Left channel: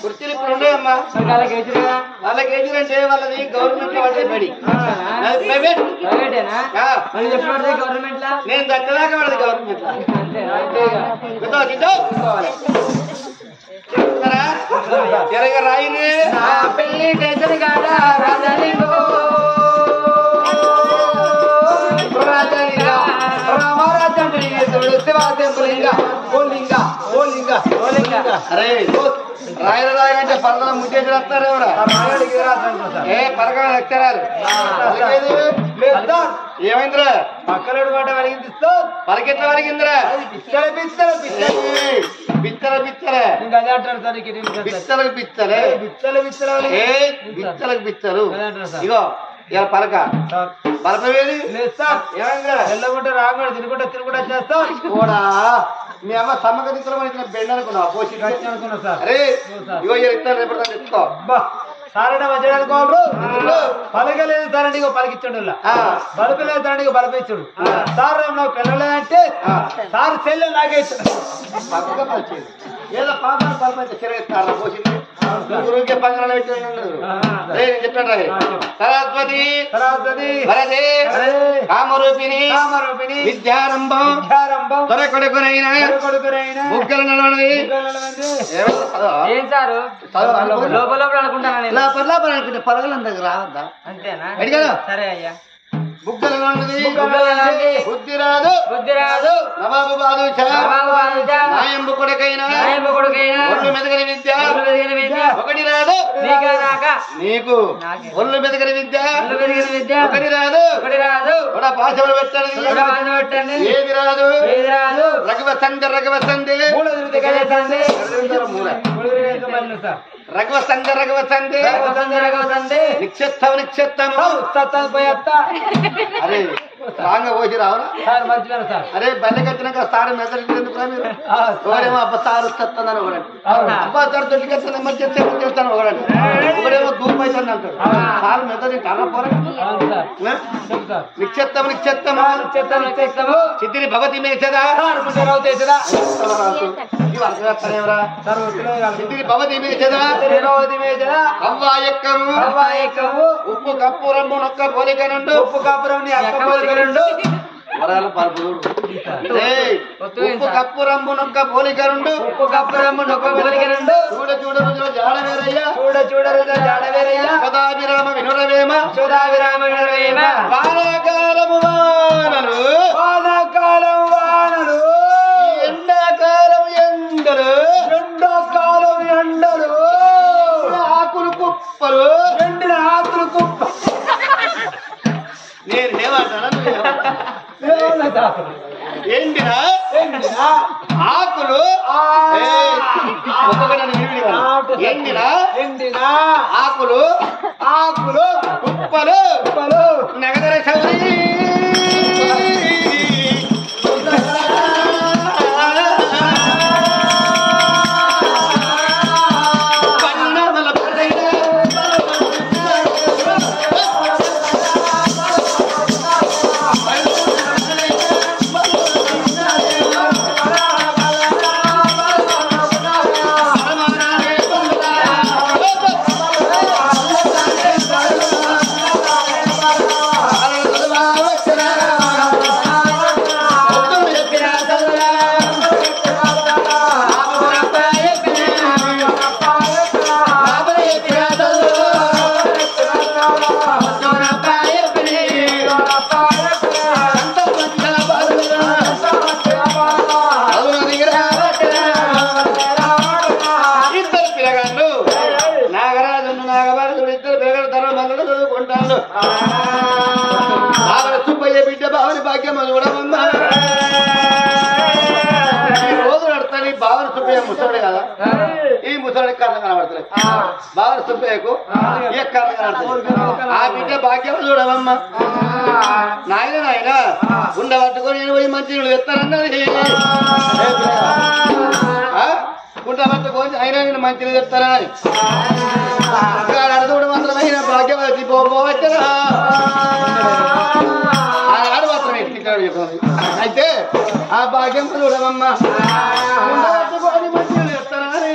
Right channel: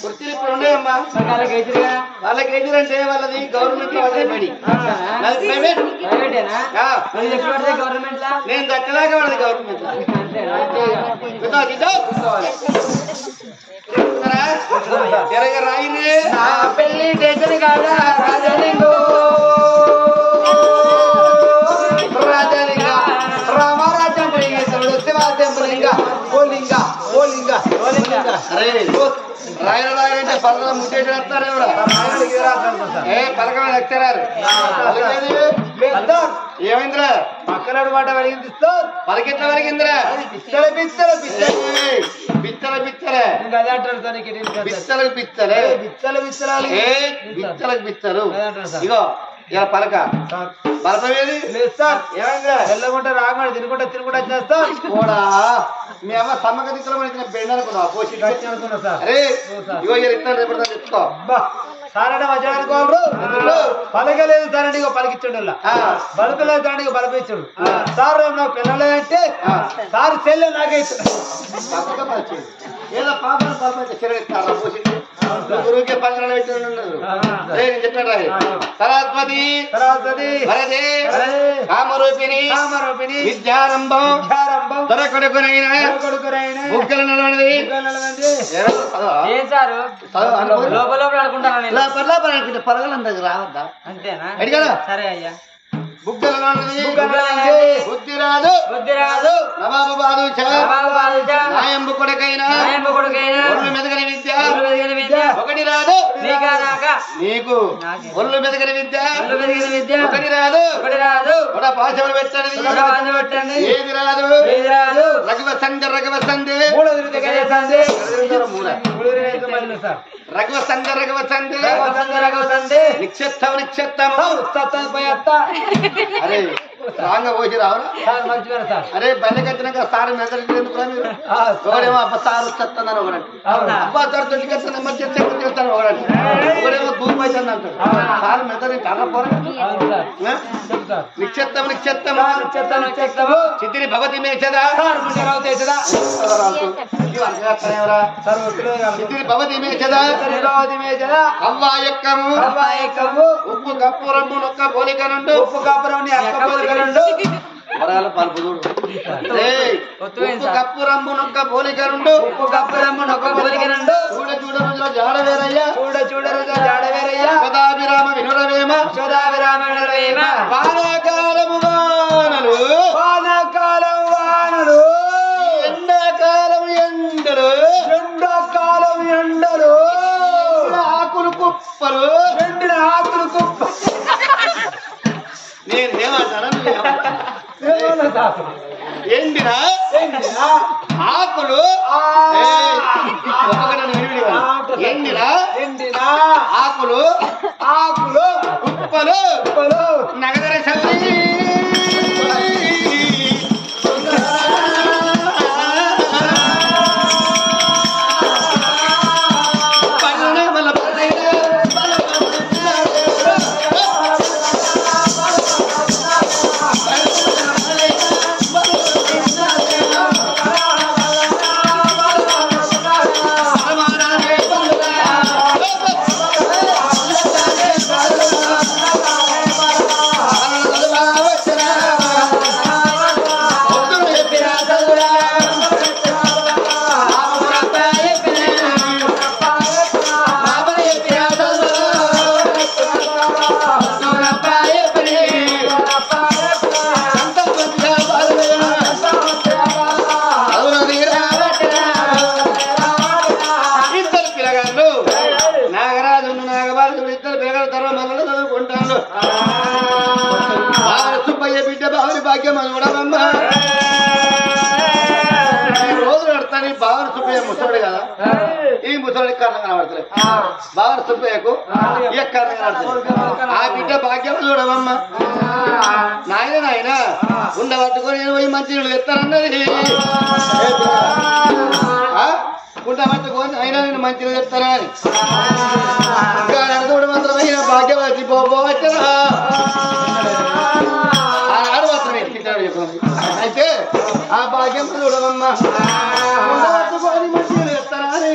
కుర్చీలు ఇప్పుడు ఉన్నాయమ్మా వాళ్ళకేజీలంటే వాళ్ళది గవర్నమెంట్ పడే పడి ప్రైవేట్ గవర్నమెంట్ నేను దక్కదాకా వాడది గవర్నమెంట్ రాయిని పెళ్లి టెన్షన్ కాదా రాజలింగో రాయలంటే పలకల ముట్టేసి వస్తారు ఎవరా ఏ పలక ఎక్తారు ఏమైందిరా పక్కనడు మాట వలిగింది పలకెట్లా వలిగిందిరా బిచ్చల బిచ్చలే బిచ్చలకు బిచ్చలే బిచ్చలకు బిచ్చలు ఇగో ఇలా పలక బలపవేది లేదు సార్ ఏమైందిరా తెల్లగుంటే రాకుండా తినుకుంటా చేస్తాం కూడా మీ అమ్మ సమ్మక దిక్కులో మన బెండ అనుకున్నావు పోసి అనుకున్నా సార్ అరే ఇగో ఇస్తాను రేపు తెచ్చుకో సారంటే మధ్య అనుకోవాలి పలకలేదు సారంటే ఇగో పలికిచ్చాడు బలపలేదు సారంటే ఇగో బలపించాడు సార్ రేపు నాకు పిల్లలేదంటే సార్ చెల్లె నాకే ఇచ్చాడు పక్కగా పలిచేది ఏదో పాపను బలపైతే చెరగిస్తారా పోసి గురువుకి పంగనాలు పెట్టినాడు చెప్పాడు సరస్వతి భరతే కామరూపిణి విద్యారంభం కొడుకునైనా ముగ్గుల నలవనది ఏం సారు లోపల అనుకుంటే పలగలందరికి రావద్దా అంతేనా అడిగారా సరే అయ్యా బుగ్గల బుద్ధి రాదు నవాబు బాదుషా నాయంబు కొడుకైనా మెదగని విద్య ఒకటి రాదు నీకు ఒళ్ళు మెదగని విద్య ఒకటి రాదు పాశములు పెట్టండి ఏది రాదు రఘువ సందే రఘువ సందే నిక్షేత్తం అరే రాంగా పోసి రావురా అరే బయటకు వచ్చినాక సార్ మెదడు ఎందుకు మీరు ఒకడేమో అబ్బా సార్ వస్తుందని ఒకడంటే అబ్బా సార్ దొడ్డికి వస్తుంది మంచి చేస్తాను ఒకడంటే ఒకడేమో దూరం అవుతుంది అంటాడు సార్ మెదడు అన్న పోరా నిక్షేత్తము చిత్తిని భవతి మేచదా చిత్తిని భవతి మేచదా కవ్వాయక్కము ఉప్పు కప్పురమ్ము నొక్క పోలిక నుండి వరాల పలుపు ఉప్పు కప్పు రంబు నొక్క పోలిక నుండు చూడ రుజుల జాడవేరయ్యా సదాభిరామ వినురవేమ వానాకాలము వానలు ఎండాకాలం ఎండలు ఆకులు కుప్పలు ఎండిన ఆకులు కుప్ప నేను ఏమంటాను ఎండిన ఆకులు ఎండిన ఆకులు కుప్పలు నగదర సౌరి బిడ్డ బావని భాగ్యం చూడమమ్మా ఈ రోజు నడతాను ఈ బావని సుబ్బయ్య ముసడు కదా ఈ ముసడికి కారణం కనబడతలేదు బావని సుబ్బయ్యకు ఈ కారణం కనబడతలేదు ఆ బిడ్డ భాగ్యం చూడమమ్మా నాయన ఉండబట్టుకొని నేను పోయి మంచి నీళ్ళు తెస్తానన్నది ఉండబట్టుకొని అయినా నేను మంచిగా చెప్తానా అని నడతోడు మాత్రమైన భాగ్యవతి పోవచ్చనా ఆడు మాత్రమే అయితే ఆ భాగ్యం చూడమమ్మా ఉండబట్టుకొని మంచిగా చెప్తానా అని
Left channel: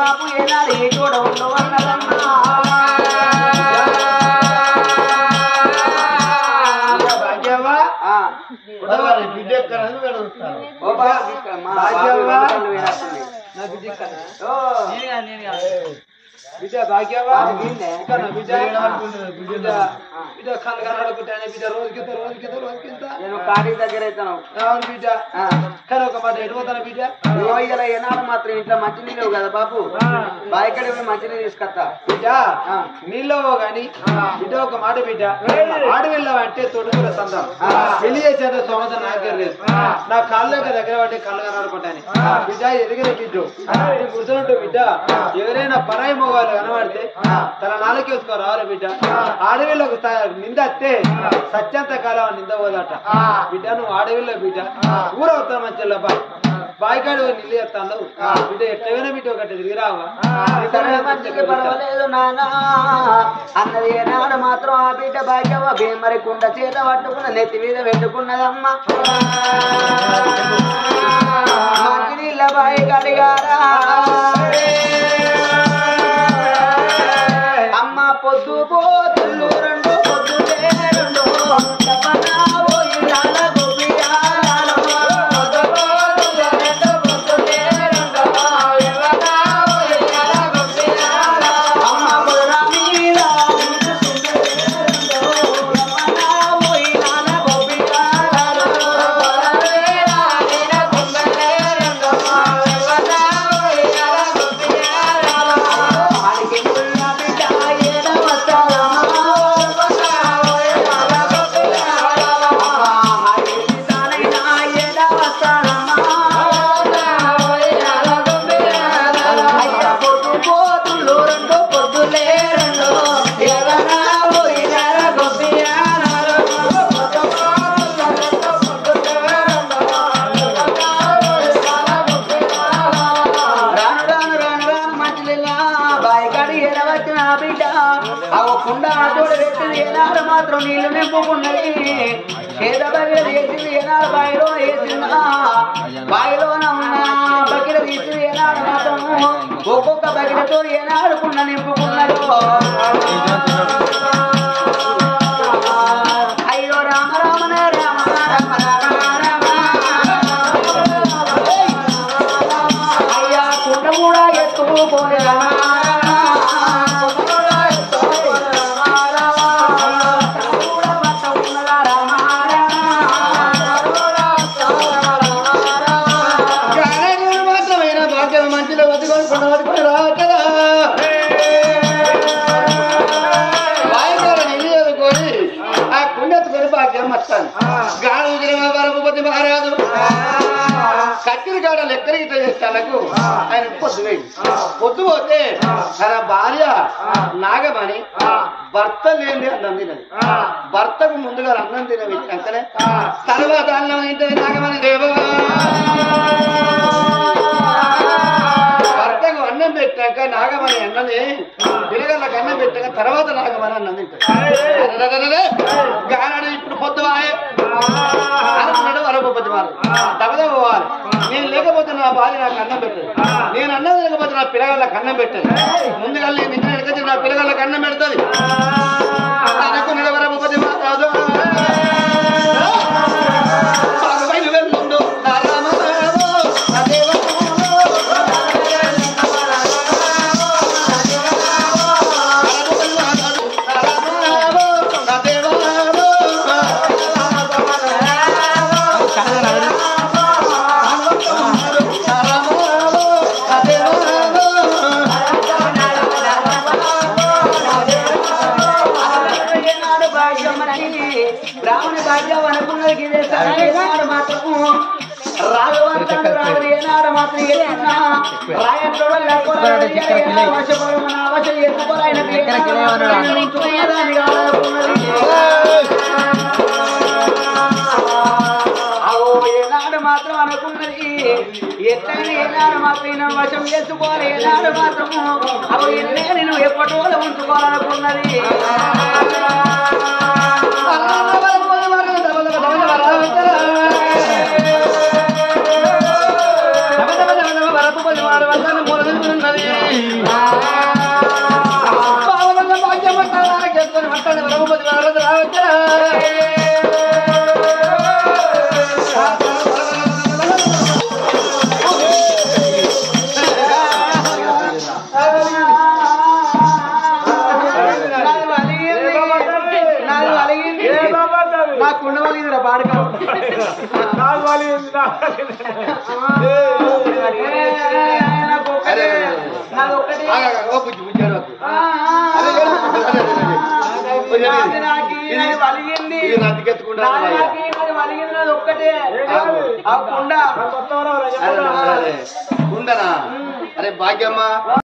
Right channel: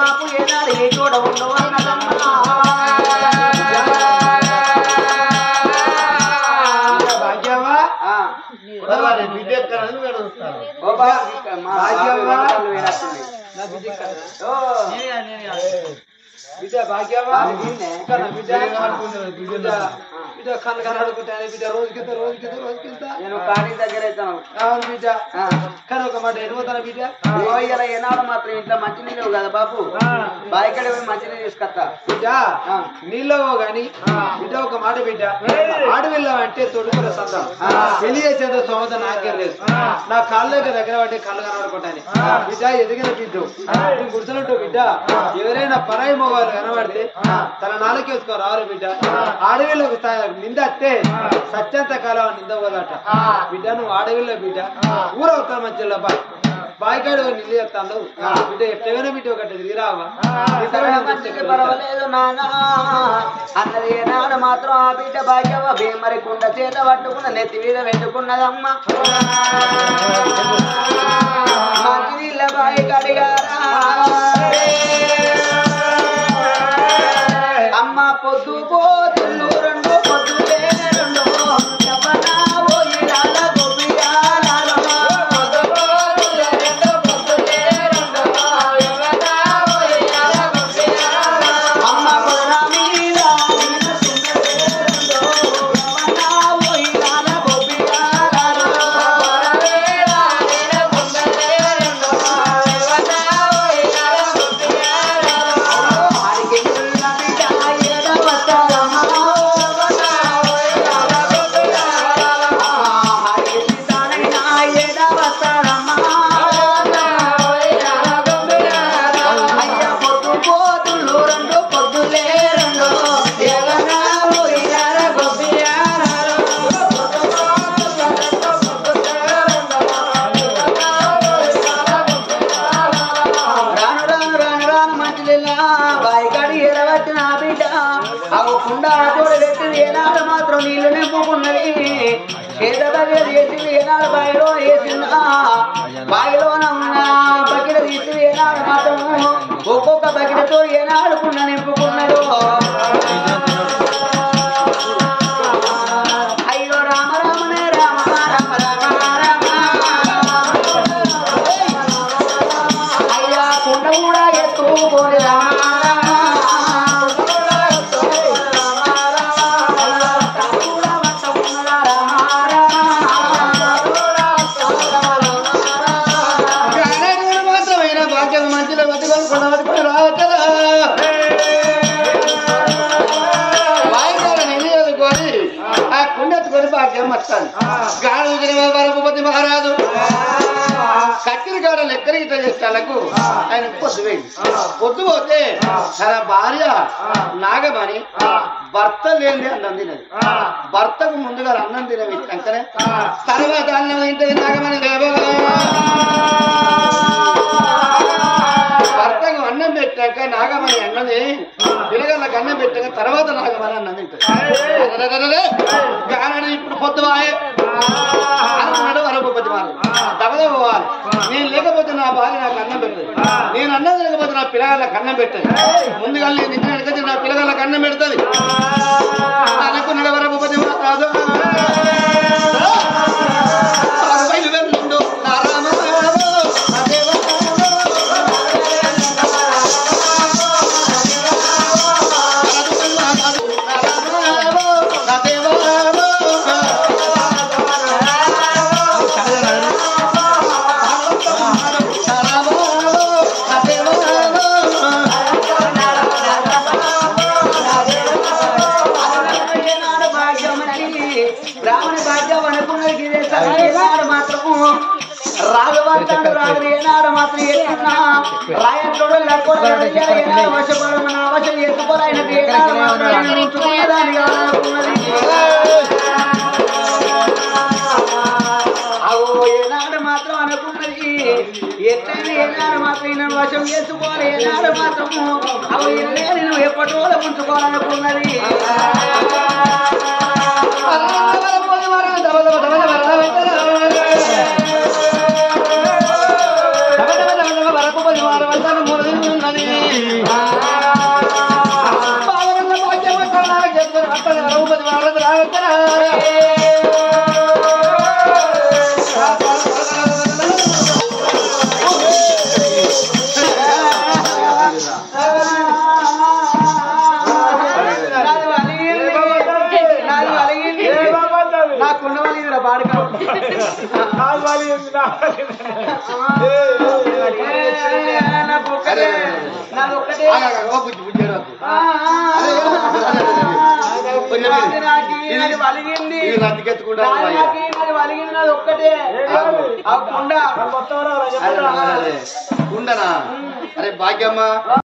బాపు ఏనాడు ఏ చోట ఉండవు అన్నదమ్మా భాగ్యమా బిడ్డ ఎక్కడ బిడ్డ భాగ్యమా బిడ్డ కన్ను కనడుకుంటాను బిడ్డ రోజుకింత నేను కాటి దగ్గర అవుతాను అవును బిడ్డ కానీ ఒక మాట ఎడిపోతాను బిడ్డ ఇలా ఏనాడు మాత్రం ఇంట్లో మంచి నీళ్ళు కదా బాబు బాయికడ మంచి నీళ్ళు తీసుకొస్తా బిడ్డ నీళ్ళు గాని బిడ్డ ఒక మాట బిడ్డ ఆడవిల్లావంటే తొడుగుల సందం పెళ్లి చేసేదో సోమత నాకే లేదు నా కాళ్ళ దగ్గర పట్టి కళ్ళు కనడుకుంటాను బిడ్డ ఎదిగిన బిడ్డు గుర్తున్నట్టు బిడ్డ ఎవరైనా పరాయి మొగాలు కనబడితే తన నాలుగు వేసుకో రావాలి బిడ్డ ఆడవిల్లకు నిందస్తే సత్యంత కాలం నింద పోదట బిడ్డ నువ్వు ఆడవిల్లో బిడ్డ ఊరవుతా మంచిగా బాయికాడు నిల్లు చెప్తాను బిడ్డ ఎట్టవైనా బిడ్డ ఒకటి తిరిగి రావా పర్వాలేదు నానా అన్నది ఏనాడు మాత్రం ఆ బిడ్డ భాగ్యమ్మ భీమరి కుండ చేత పట్టుకున్న నెత్తి మీద పెట్టుకున్నదమ్మా మంచి నీళ్ళ బాయి కడిగారా అమ్మ పొద్దు పోతులు రెండు పొద్దులే రెండు చెప్పనా ఓయిలాల గోపియాలలో పొద్దు పోతులు రెండు పొద్దులే రెండు ఎవనా ఓయిలాల గోపియాల అమ్మ పొద్దున మీద తోడ పెట్టింది ఏనాడు మాత్రం నీళ్లు నింపుకున్నది చేత బగిర చేసింది ఏనాడు బాయిలో వేసిందా బాయిలోన ఉన్న బగిర తీసింది ఏనాడు మాత్రం ఒక్కొక్క బగిరతో ఏనాడుకున్న నింపుకున్నదో అయ్యో రామ రామనే రామ రామ రామ రామ అయ్యా కుండ కూడా ఎత్తుకోలే రామ మంచిలో బతుకొని కొండ బతుకొని రావచ్చదా వాయిదాలు నిన్ను చదువుకొని ఆ కుండెత్తుకొని భాగ్యం మర్చాను గాడు వరపతి మహారాజు కక్కిరి గాడ లెక్కలు ఇట్లా చేస్తాలకు ఆయన పొద్దు వేయి పొద్దు పోతే తన భార్య నాగమని భర్త లేని అన్నం తినది భర్తకు ముందుగా అన్నం తినవి వెంటనే తర్వాత అన్నం ఏంటది నాగమని లేవా భర్తకు అన్నం పెట్టాక నాగమణి అన్నది పిల్లగాళ్ళకి అన్నం పెట్టాక తర్వాత నాగమణి అన్నం తింటాడు ఇప్పుడు పొద్దువాయే అనుకున్నాడు వరపతి వారు దబద పోవాలి నేను లేకపోతే నా భార్య నాకు అన్నం పెట్టదు నేను అన్నం లేకపోతే నా పిల్లగాళ్ళకి అన్నం పెట్టదు ముందుగా నేను ఇంటి ఎడకొచ్చి నా పిల్లగాళ్ళకి అన్నం పెడుతుంది అనుకున్నాడు వరపతి రాజు వెళ్ళుండు బ్రాహ్మణ భాగ్యం అనుకున్నది ఏనాడు మాత్రం రాజవార్తలు రాదు ఏనాడు మాత్రం ఎత్తున్నా రాయంతో వశం ఎత్తుకోలేనది ఏనాడు మాత్రం ఉంచుకునేదాన్ని కాదనుకున్నది అవో ఏనాడు మాత్రం అనుకున్నది ఎట్లయినా ఏనాడు మాత్రం ఈయన వశం చేసుకోవాలి ఏనాడు మాత్రం అవు ఈయననే నేను ఎప్పటిలో ఉంచుకోవాలనుకున్నది నాకు ఉండవాలి బాడక నాది ఒక్కటే వలిగింది నాది ఒక్కటే కుండ కుండనా అరే భాగ్యమ్మ